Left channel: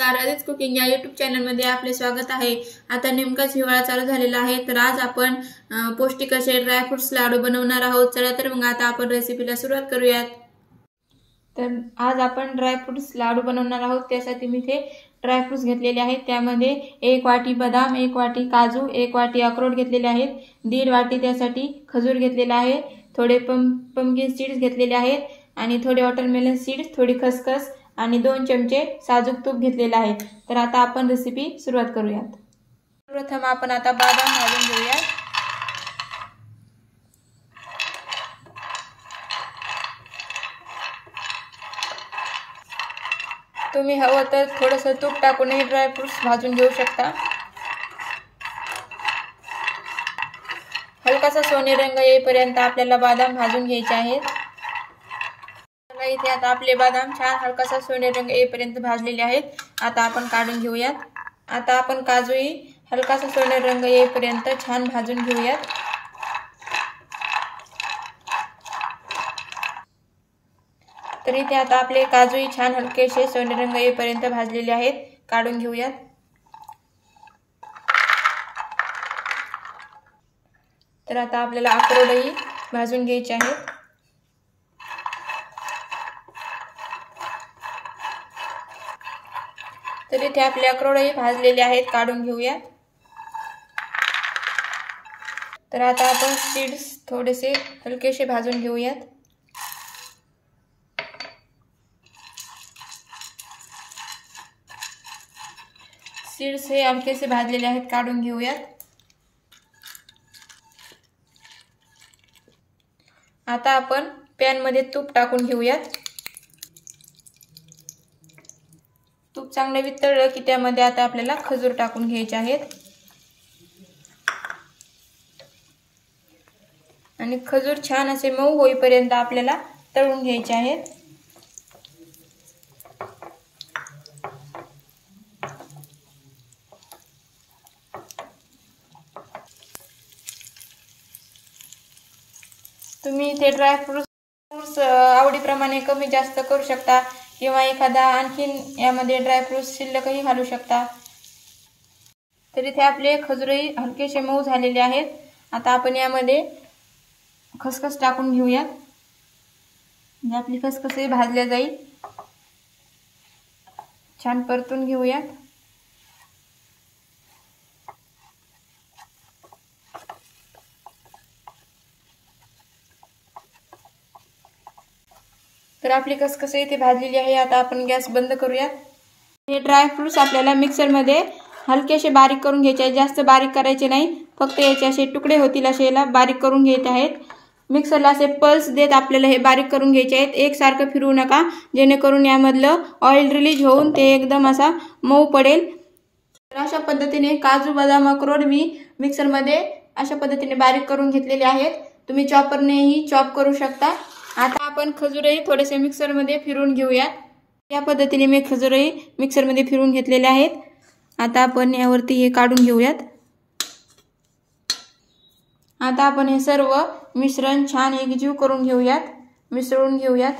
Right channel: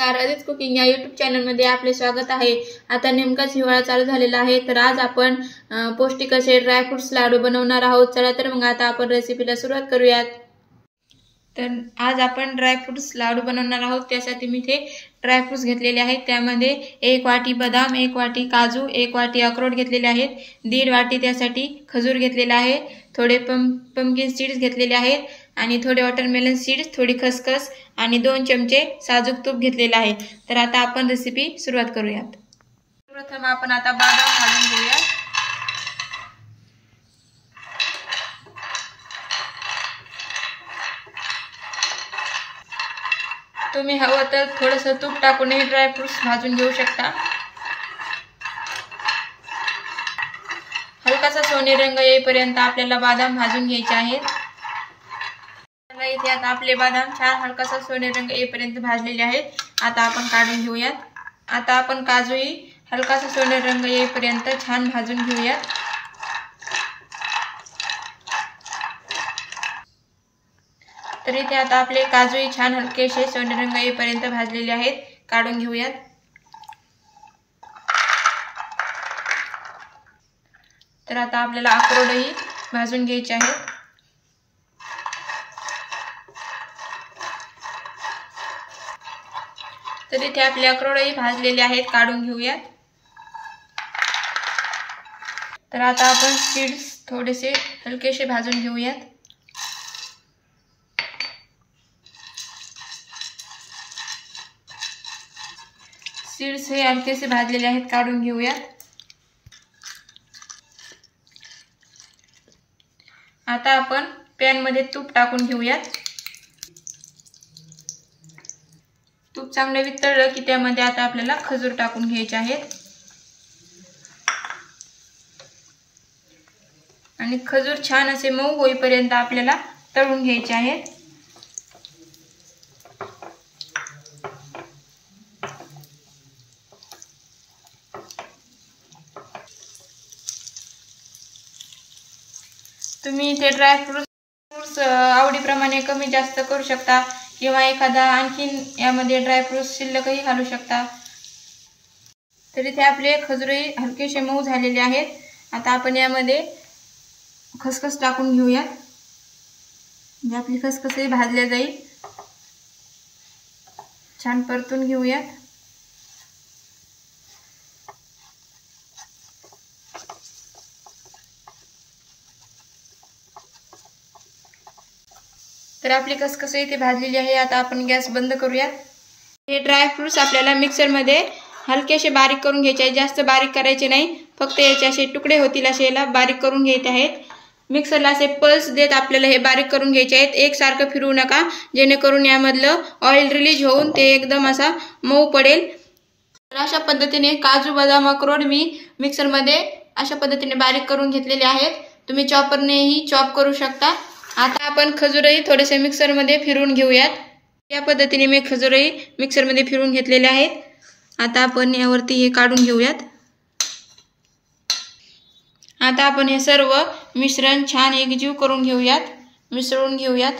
नमस्कार, आदित्य कुकिंग या यूट्यूब चॅनलमध्ये आपले स्वागत आहे। आता नेमकाच हिवाळा चालू झालेला आहे, तर आज आपण पौष्टिक असे ड्रायफ्रुट्स लाडू बनवणार आहोत। चला तर मग आता आपण रेसिपीला सुरुवात करूयात। तर आज आपण ड्रायफ्रुट्स लाडू बनवणार आहोत। त्यासाठी मी इथे ड्रायफ्रुट्स घेतलेले आहेत। त्यामध्ये 1 वाटी बदाम, 1 वाटी काजू, 1 वाटी अक्रोड घेतलेले आहेत, 1.5 वाटी त्यासाठी खजूर घेतलेला आहे, थोडे पंपकिन सीड्स घेतलेले आहेत आणि थोडे वॉटरमेलन सीड्स, थोडी खसखस आणि 2 चमचे साजूक तूप घेतलेले आहे। तर आता आपण रेसिपी सुरुवात करूयात। प्रथम आपण आता बदाम घालून घेऊया। तुम्ही हवं तर थोडंसं तूप टाकून हे ड्रायफ्रुट्स भाजून घेऊ शकता। हलकासा सोनेरी रंग येईपर्यंत आपल्याला बदाम भाजून घ्यायचे आहेत। इथे आता आपले बदाम छान हलकासा सोनेरी रंग येईपर्यंत भाजलेले आहेत। आता आपण काढून घेऊयात। आता आपण काजूही हलकासा सोनेरी रंग येईपर्यंत छान भाजून घेऊयात। तर इथे आता आपले काजूही छान हलकेसे सोनेरी रंग येईपर्यंत भाजलेले आहेत, काढून घेऊयात। तर आता आपल्याला अक्रोडही भाजून घ्यायचे आहेत। तर इथे आपले अक्रोडही भाजलेले आहेत, काढून घेऊयात। तर आता आपण सीड्स थोडेसे हलकेसे भाजून घेऊयात। सीड्स हे हलकेसे भाजलेले आहेत, काढून घेऊयात। आता आपण पॅन मध्ये तूप टाकून घेऊयात। तूप चांगले वितळलं की त्यामध्ये आता आपल्याला खजूर टाकून घ्यायचे आहेत आणि खजूर छान असे मऊ होईपर्यंत आपल्याला तळून घ्यायचे आहेत। तुम्ही इथे ड्रायफ्रुट्स आवडीप्रमाणे कमी जास्त करू शकता किंवा एखादा आणखीन यामध्ये ड्रायफ्रुट्स शिल्लकही घालू शकता। तर इथे आपले खजूरही हलकेसे मऊ झालेले आहेत। आता आपण यामध्ये खसखस टाकून घेऊया, म्हणजे आपली खसखसही भाजल्या जाईल। छान परतून घेऊया। तर आपली खसखस इथे भाजलेली आहे। आता आपण गॅस बंद करूयात। हे ड्रायफ्रुट्स आपल्याला मिक्सर मध्ये हलकेसे बारीक करून घ्यायचे आहेत, जास्त बारीक करायचे नाही, फक्त याचे असे तुकडे होतील असे याला बारीक करून घ्यायचे आहेत। मिक्सरला असे पल्स देत आपल्याला हे बारीक करून घ्यायचे आहेत। एकसारखं फिरवू नका, जेणेकरून यामधलं ऑइल रिलीज होऊन ते एकदम असा मऊ पडेल। तर अशा पद्धतीने काजू, बदाम, अक्रोड मी मिक्सर मध्ये अशा पद्धतीने बारीक करून घेतलेले आहेत। तुम्ही चॉपरनेही चॉप करू शकता। आता आपण खजूरही थोडेसे मिक्सर मध्ये फिरवून घेऊयात। या पद्धतीने मी खजूरही मिक्सर मध्ये फिरवून घेतलेले आहेत। आता आपण यावरती हे काढून घेऊयात। आता आपण हे सर्व मिश्रण छान एकजीव करून घेऊयात, मिसळून घेऊयात।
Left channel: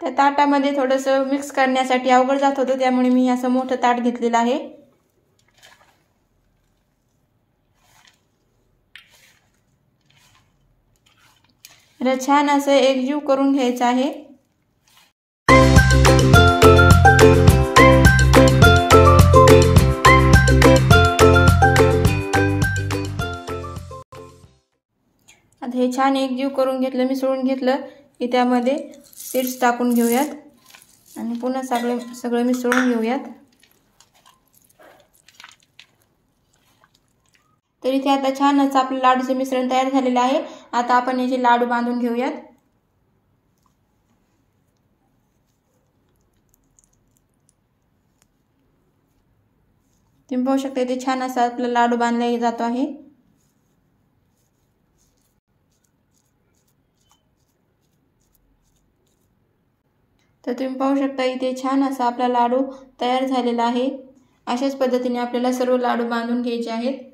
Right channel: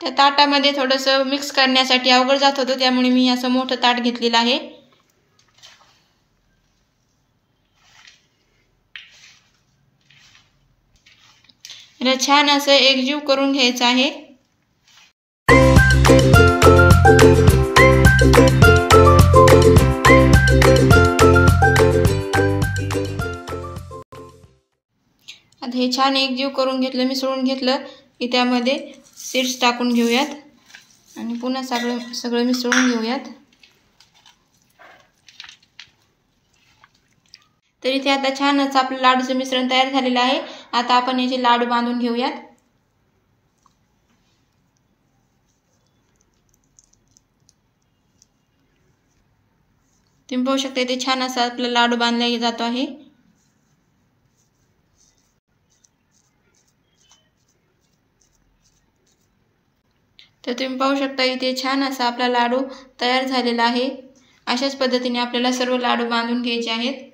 त्या ताटामध्ये थोडंसं मिक्स करण्यासाठी अवघड जात होतं, त्यामुळे मी असं मोठं ताट घेतलेलं आहे। छान असं एकजीव करून घ्यायचं आहे। आता हे छान एकजीव करून घेतलं, मिसळून घेतलं की त्यामध्ये सीड्स टाकून घेऊयात आणि पुन्हा सगळं मिसळून घेऊयात। तर इथे आता छान असं आपलं लाडूचं मिश्रण तयार झालेलं आहे। आता आपण याचे लाडू बांधून घेऊयात। तुम्ही पाहू शकता इथे छान असा आपला लाडू बांधला जातो आहे। तर तुम्ही पाहू शकता इथे छान असा आपला लाडू तयार झालेला आहे। अशाच पद्धतीने आपल्याला सर्व लाडू बांधून घ्यायचे आहेत।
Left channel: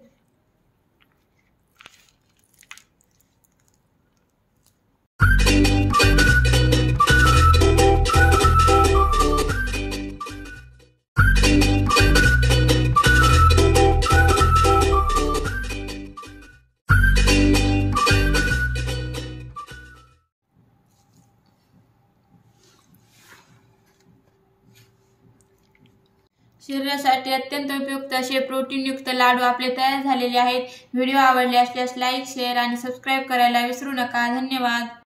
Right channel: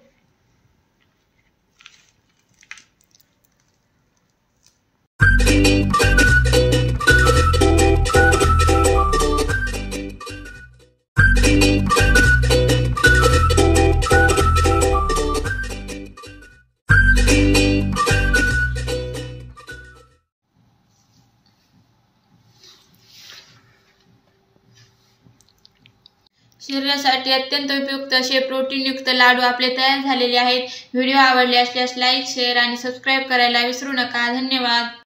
शरीरासाठी अत्यंत उपयुक्त असे प्रोटीनयुक्त लाडू आपले तयार झालेले आहेत। व्हिडिओ आवडले असल्यास लाईक, शेअर आणि सबस्क्राईब करायला विसरू नका। धन्यवाद।